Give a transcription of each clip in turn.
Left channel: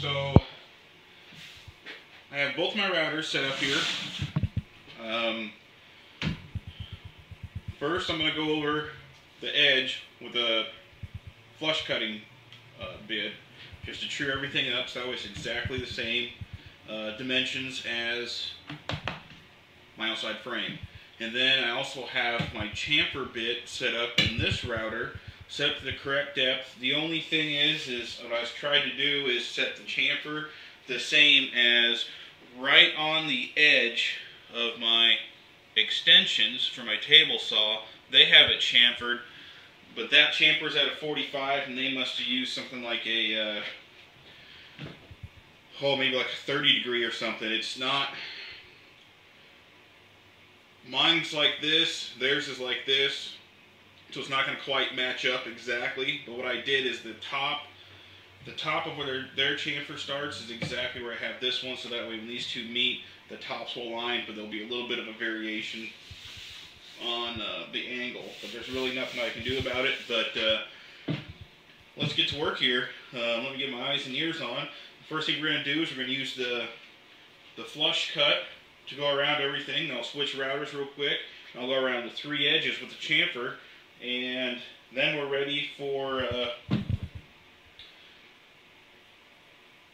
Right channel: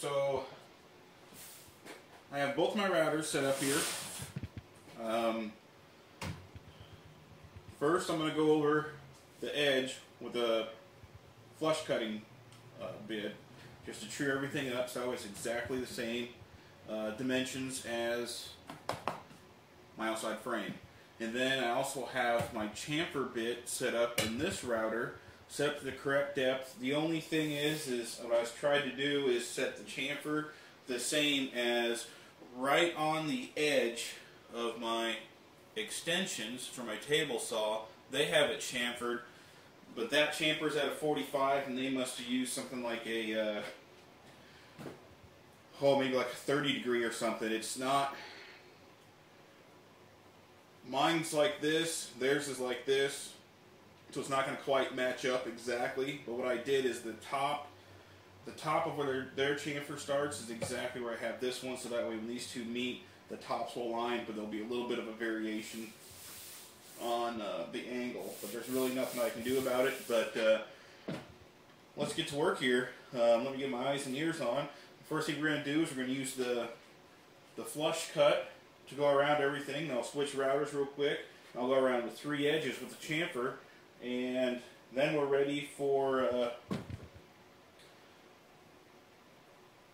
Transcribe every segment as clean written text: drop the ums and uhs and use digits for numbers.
So I have both my routers set up here. First, I'm going to go over the edge with a flush cutting bit, just to true everything up so that way it's exactly the same dimensions as my outside frame. And then I also have my chamfer bit set up in this router, set up to the correct depth. The only thing is what I was trying to do is set the chamfer the same as right on the edge of my extensions for my table saw. They have it chamfered, but that chamfer's at a 45, and they must have used something like a maybe like a 30 degree or something. It's not. Mine's like this, theirs is like this, so it's not going to quite match up exactly. But what I did is the top of where their chamfer starts is exactly where I have this one, so that way when these two meet, the tops will align, but there'll be a little bit of a variation on the angle. But there's really nothing I can do about it. But let's get to work here. Let me get my eyes and ears on. The first thing we're going to do is we're going to use the flush cut to go around everything. Then I'll switch routers real quick. And I'll go around the 3 edges with the chamfer, and then we're ready for.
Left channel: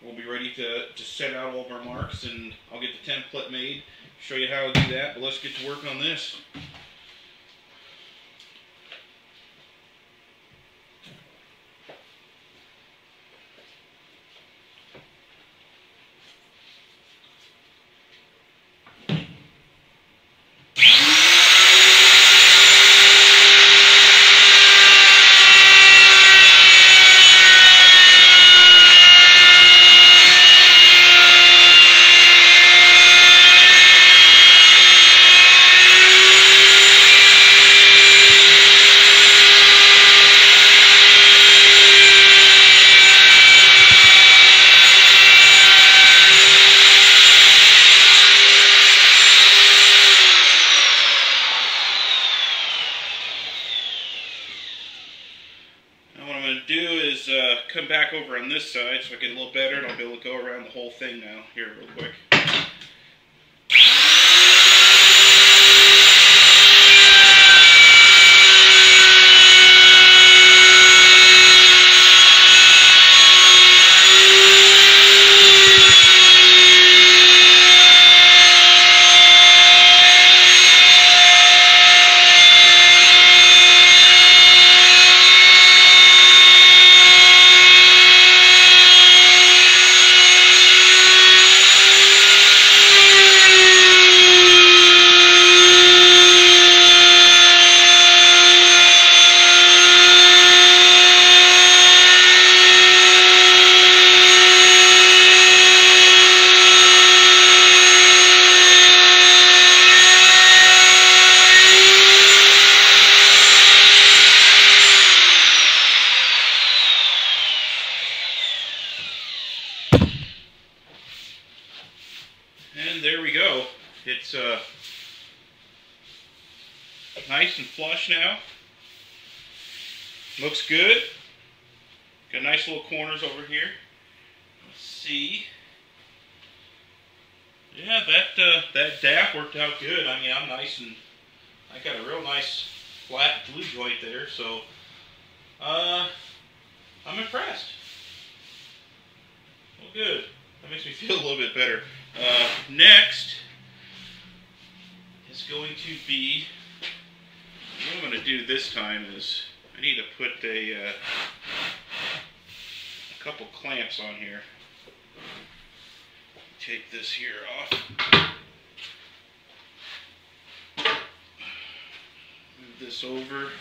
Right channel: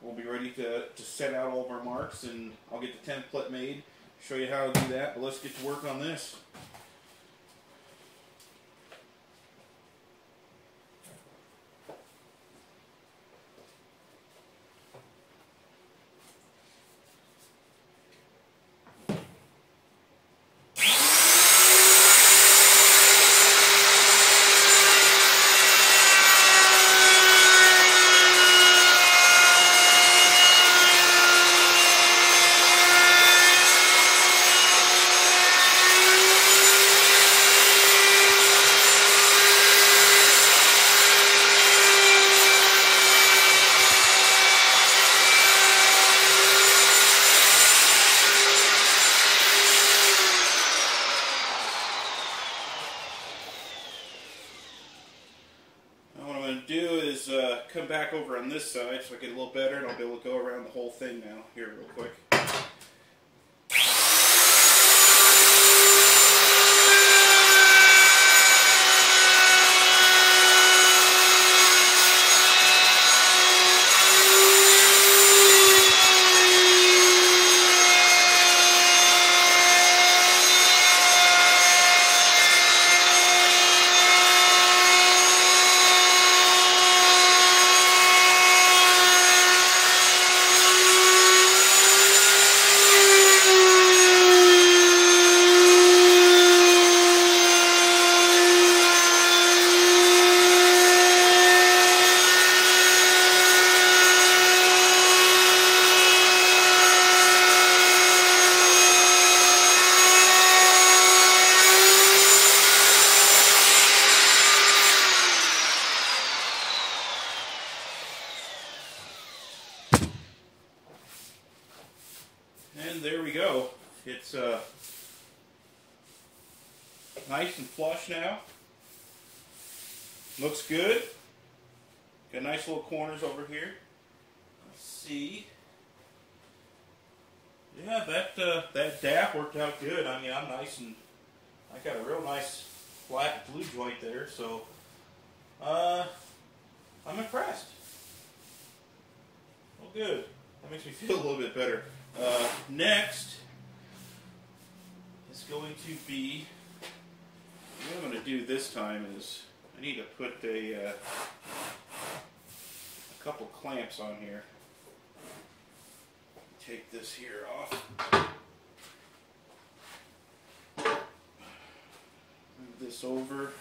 We'll be ready to set out all of our marks, and I'll get the template made, show you how to do that. But let's get to work on this. Come back over on this side so I get a little better, and I'll be able to go around the whole thing now here real quick. It's nice and flush now. Looks good. Got nice little corners over here. Let's see. Yeah, that DAP worked out good. I mean, I got a real nice flat glue joint there, so I'm impressed. Well, good. That makes me feel a little bit better. Next is going to be, what I'm going to do this time is I need to put a couple clamps on here. Take this here off. Move this over.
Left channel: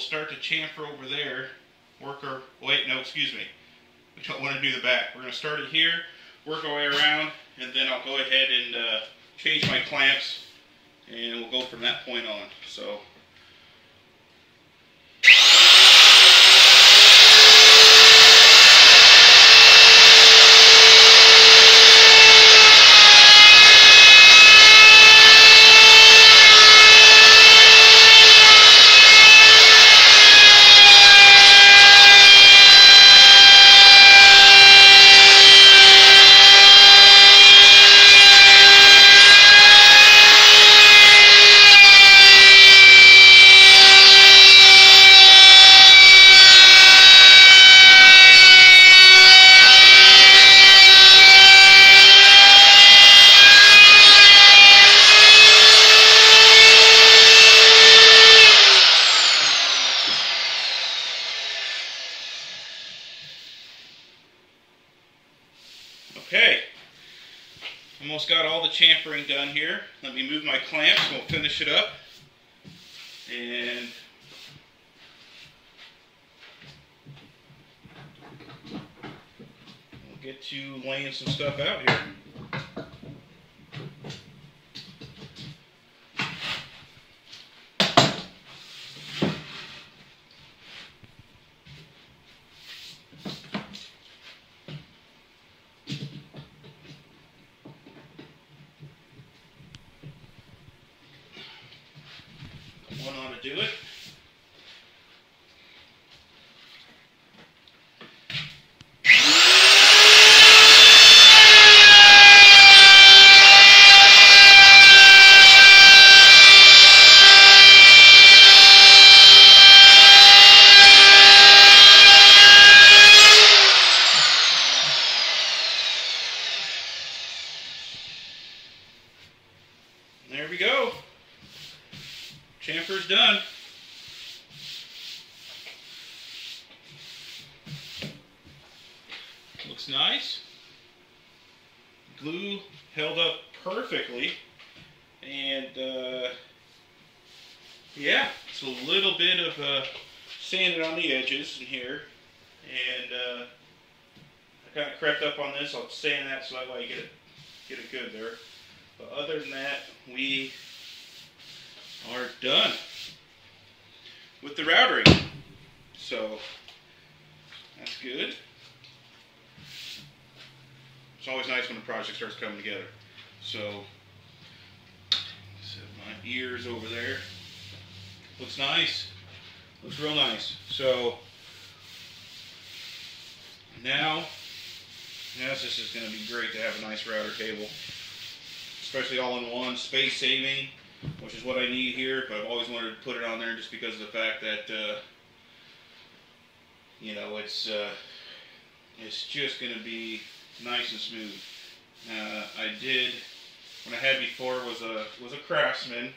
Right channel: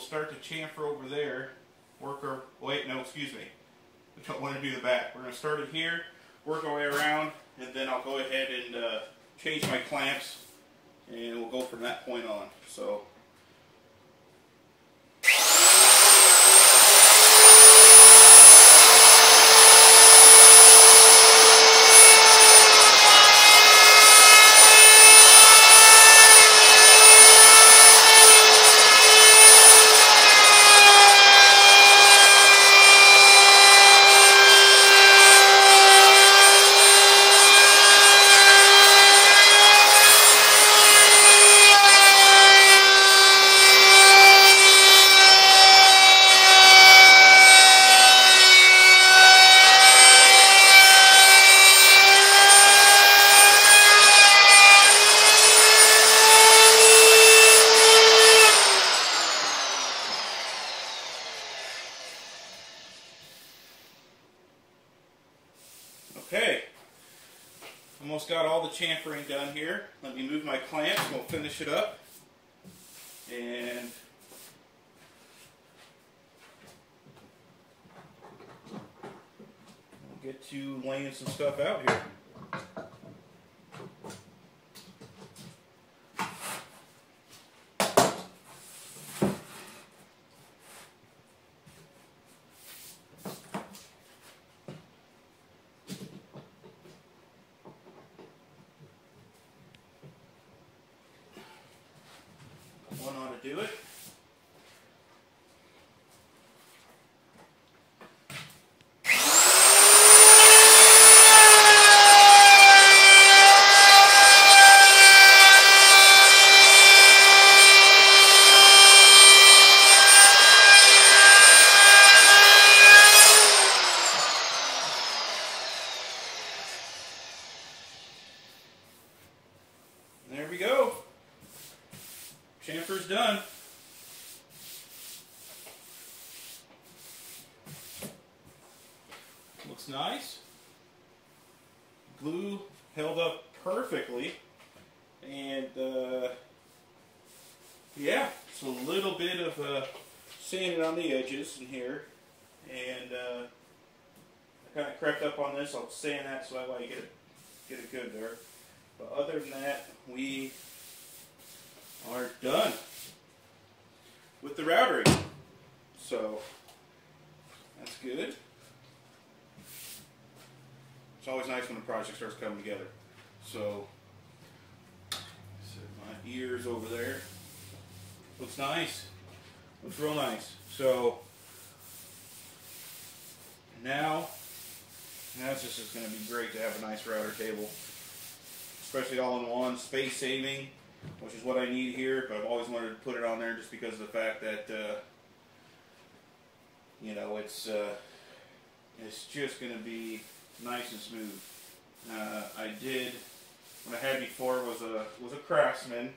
we'll start the chamfer over there. Wait, no, excuse me. We don't want to do the back. We're going to start it here, work our way around, and then I'll go ahead and change my clamps, and we'll go from that point on. So. Okay, almost got all the chamfering done here. Let me move my clamps and we'll finish it up. And we'll get to laying some stuff out here. Do it. There we go. Chamfer's done. Looks nice. Glue held up perfectly. And yeah, it's a little bit of sanding on the edges in here. And I kind of crept up on this. I'll sand that so that way you get it good there. But other than that, we are done with the routering. So that's good. It's always nice when a project starts coming together. So set my ears over there. Looks nice. Looks real nice. So now this is going to be great to have a nice router cable, especially all in one, space saving, which is what I need here. But I've always wanted to put it on there just because of the fact that you know, it's just going to be nice and smooth. What I had before was a Craftsman,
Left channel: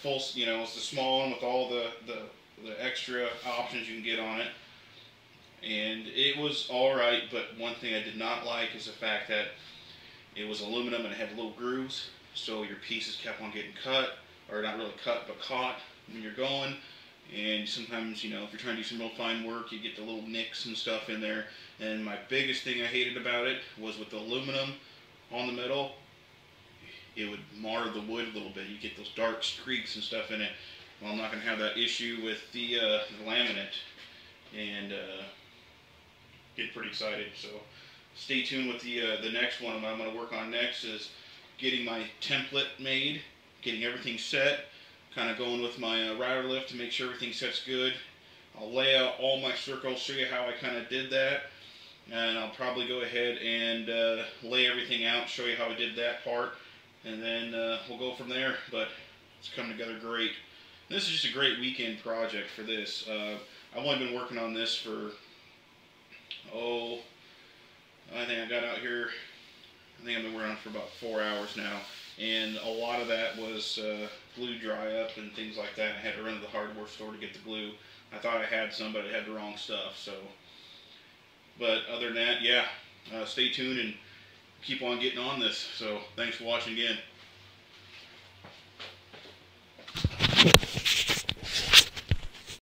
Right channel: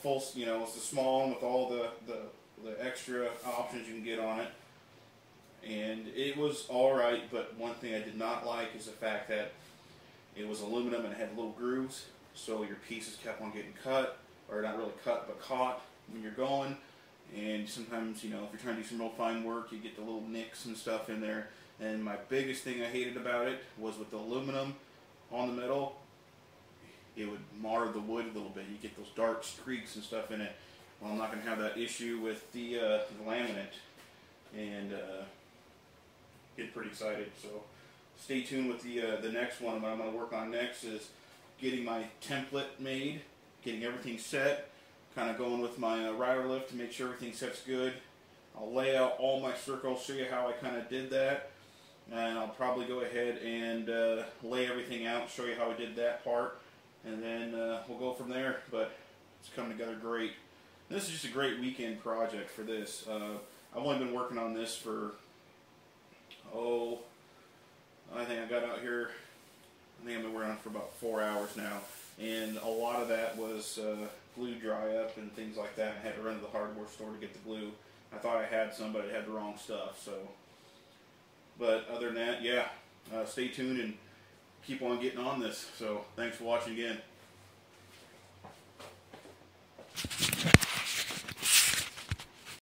full, you know, it's the small one with all the extra options you can get on it, and it was all right. But one thing I did not like is the fact that it was aluminum and it had little grooves, so your pieces kept on getting cut, or not really cut, but caught when you're going. And sometimes, you know, if you're trying to do some real fine work, you get the little nicks and stuff in there. And my biggest thing I hated about it was with the aluminum on the middle, it would mar the wood a little bit. You get those dark streaks and stuff in it. Well, I'm not going to have that issue with the laminate, and get pretty excited. So stay tuned with the next one. What I'm going to work on next is getting my template made, getting everything set, kind of going with my router lift to make sure everything sets good. I'll lay out all my circles, show you how I kind of did that, and I'll probably go ahead and lay everything out, show you how I did that part, and then we'll go from there. But it's coming together great. This is just a great weekend project for this. I've only been working on this for, I think I got out here, I think I've been working on it for about 4 hours now. And a lot of that was glue dry up and things like that. I had to run to the hardware store to get the glue. I thought I had some, but I had the wrong stuff. So, but other than that, yeah, stay tuned and keep on getting on this. So thanks for watching again.